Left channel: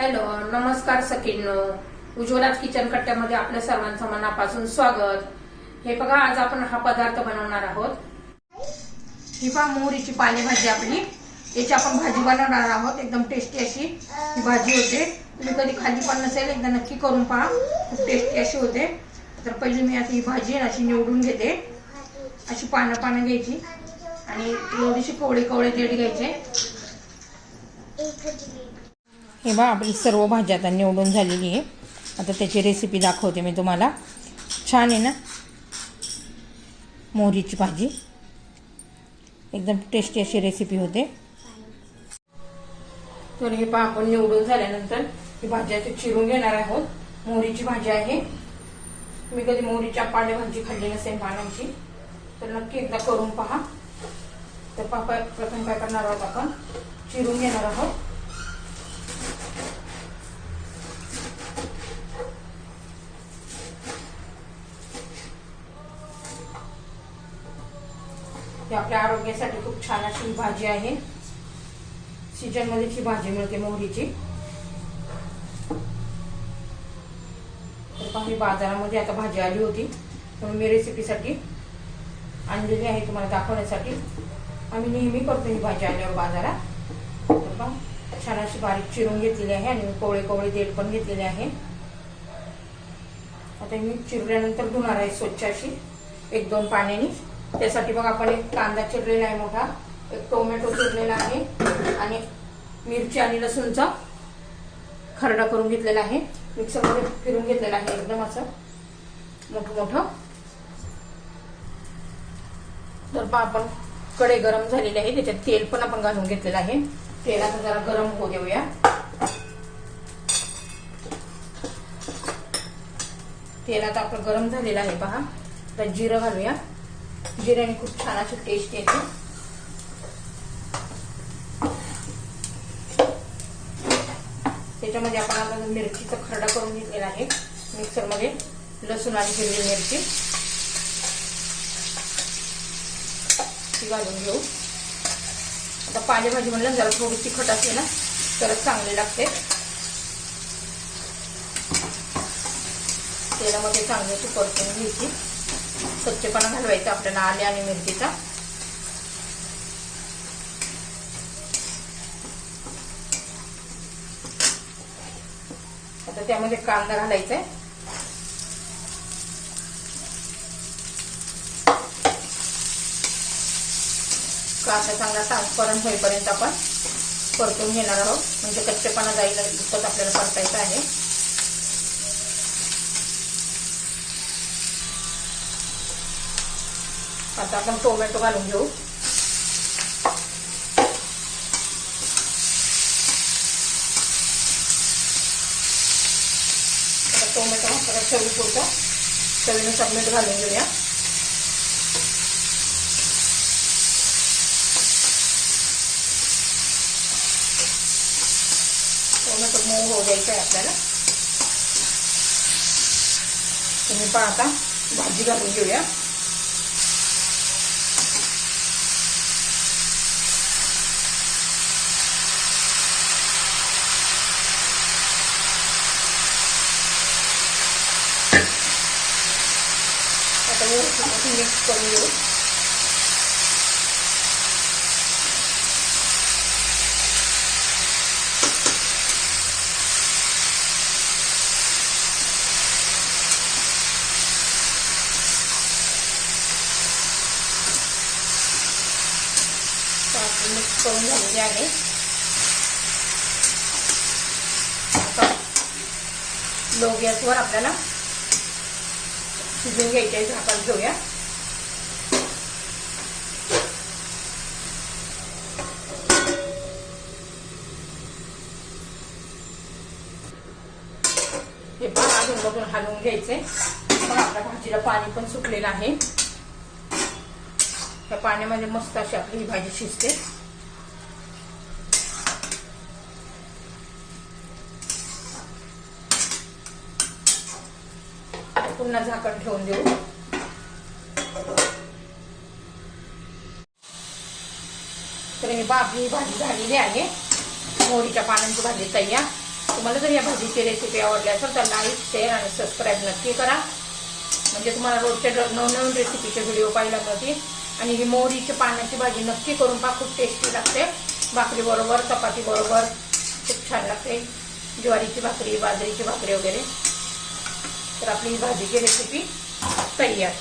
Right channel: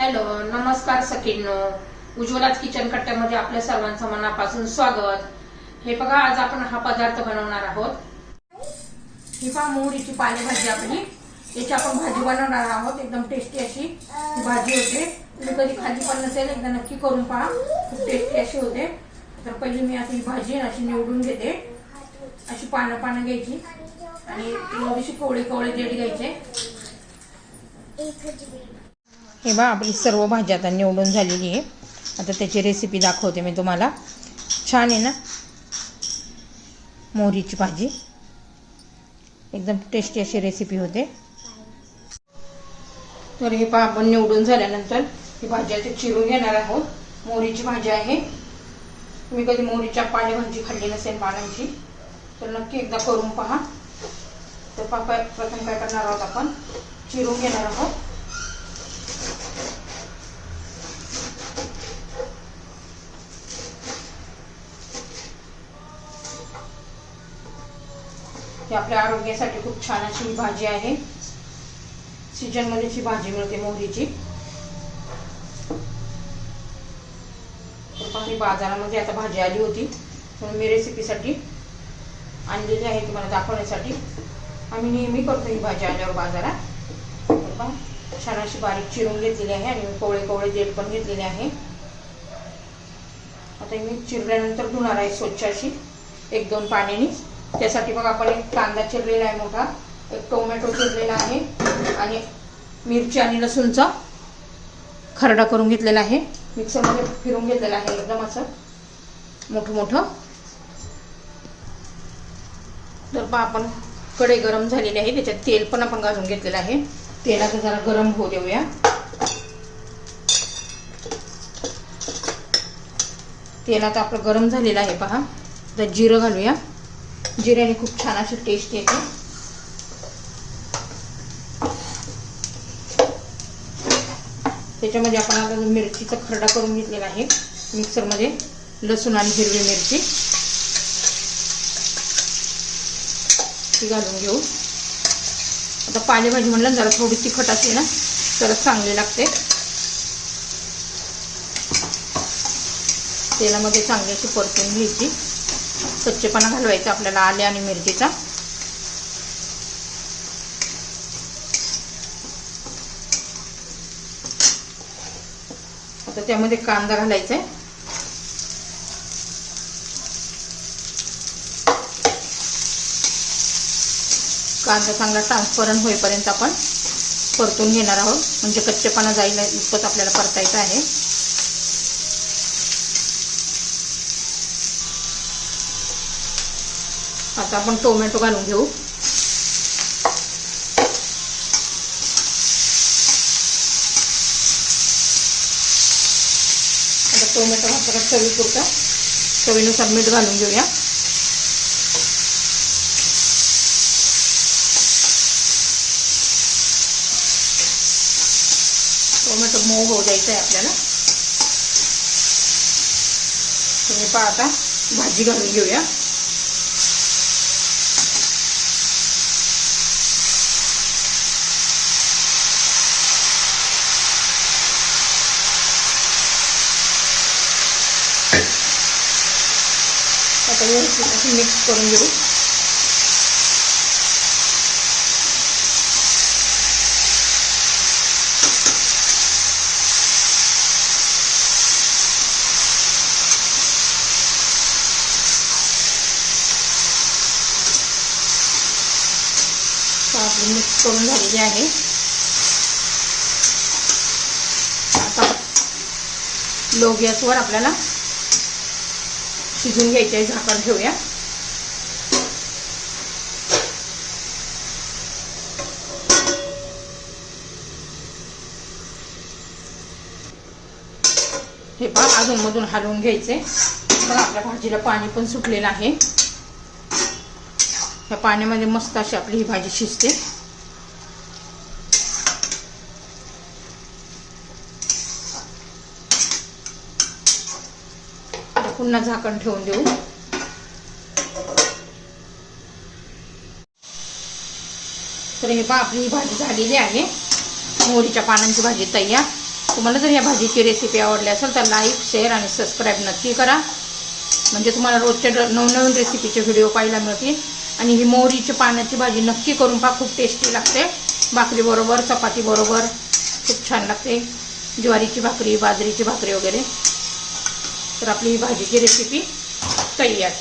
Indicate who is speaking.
Speaker 1: Hello नमस्कार सखींनो. उज्ज्वलाच kitchen कट्ट्यामध्ये आपल्या सर्वांचं मनापासून स्वागत. हे बघा आज आपण हा पदार्थ बनवणार आहोत. ही पहा मोहरीची पालेभाजी आपली. याची आपण भाजी बनवणार आहोत एकदम टेस्टी अशी ही भाजी होते. तुम्ही कधी खाल्ली पण नसेल एकदा नक्की करून पहा. खूप टेस्टी अशी होते. तर पहिली मी आता ही भाजी अशी निवडून घेते. अशी पानं पानं घ्यायची. आणि थोडीशी कोवळे कोवळे देठ घ्यायचे. हे बा आपली सर्व भाजी आता निवडून झालेली आहे. आता त्याची रेसिपी दाखवते मी तुम्हाला. छान आहे ना? मोहरीची भाजी. एकदम टेस्टी अशी रेसिपी होते. तर हे पहा आपण निवडून झाल्यानंतर ही भाजी आता चिरून घेणार आहोत. मोहरीची भाजी आहे. तुम्ही कधी मोहरीच्या पालेभाजी खाल्ली नसेल पानांची तर नक्की एकदा करून पहा. तर पापा प्रथम काय करणार आहोत आपण? चिरून घेणार आहोत. आपल्या आरोग्यासाठी खूप छान अशी भाजी आहे. सीजनमध्ये भाजी मिळते मोहरीची. तर बाजारामध्ये आता भाजी आली होती. म्हणून मी रेसिपीसाठी आणलेली आहे तुम्हाला दाखवण्यासाठी. आम्ही नेहमी करतो ही भाजी आल्यावर बाजारात. छान अशी बारीक चिरून घेतलेली आहे आणि कोवळे कोवळे देठ पण घेतलेले आहे. आता मी चिरल्यानंतर धुणार आहे स्वच्छ अशी. एक दोन पाण्याने. त्यासाठी बघा आपण एक कांदा चिरलेला आहे मोठा एक टोमॅटो चिरलेला आहे आणि मिरची आणि लसूणचा खरडा करून घेतलेला आहे. मिक्सरमध्ये फिरून घेतलेला आहे एकदम असं मोठं मोठं. तर पहा आपण कडे गरम झालेली आहे त्याच्यात तेल पण आपण घालून घेतलेलं आहे. तेलाचं जरा गरम होऊ देऊया. तेल आता आपलं गरम झालेलं आहे पहा. तर जिरं घालूया. जिऱ्याने खूप छान अशी टेस्ट येते. त्याच्यामध्ये आपण आता मिरचीचा खरडा करून घेतलेला आहे मिक्सरमध्ये लसूण आणि हिरवी मिरची. ती घालून घेऊ. आता पालेभाजी म्हणलं जरा थोडी तिखट असते ना तर चांगली लागते. तेलामध्ये चांगली अशी परतून घ्यायची. कच्चेपणा घालवायचा आपल्याला आले आणि मिरचीचा. आता त्यामध्ये कांदा घालायचा आहे कांदा चांगला ट्रान्सपरंट होईपर्यंत आपण परतून घेणार आहोत. म्हणजे कच्चेपणा जाईल इतकंच आपल्याला परतायचं आहे. आता आपण टोमॅटो घालून घेऊ. आता टोमॅटो घातला चवी पुरतं. चवीनुसार मीठ घालून घेऊया. टोमॅटो मऊ होऊ द्यायचं आहे आपल्याला. तुम्ही पाहता भाजी घालून घेऊया. आता व्यवस्थित मिक्स करून घेऊ आपली मिक्स करून झालेली आहे आता लो गॅसवर आपल्याला शिजून घ्यायच्या झाकण ठेवूया. हे पण अजून मधून हलवून घ्यायचे. आपल्या भाजीला पाणी पण सुटलेलं आहे. ह्या पाण्यामध्ये मस्त अशी आपली ही भाजी शिजते. पुन्हा झाकण ठेवून देऊ. तर हे बा आपली ही भाजी झालेली आहे. मोहरीच्या पानांची भाजी तयार. तुम्हाला जर या भाजीची रेसिपी आवडली असेल तर लाईक शेअर आणि सबस्क्राईब नक्की करा. म्हणजे तुम्हाला रोजच्या नवनवीन रेसिपीचे व्हिडिओ पाहायला मिळतील. आणि ही मोहरीच्या पानाची भाजी नक्की करून पहा खूप टेस्टी लागते. भाकरी बरोबर चपाती बरोबर खूप छान लागते. ज्वारीची भाकरी बाजरीची भाकरी वगैरे. तर आपली ही भाजीची रेसिपी तयार.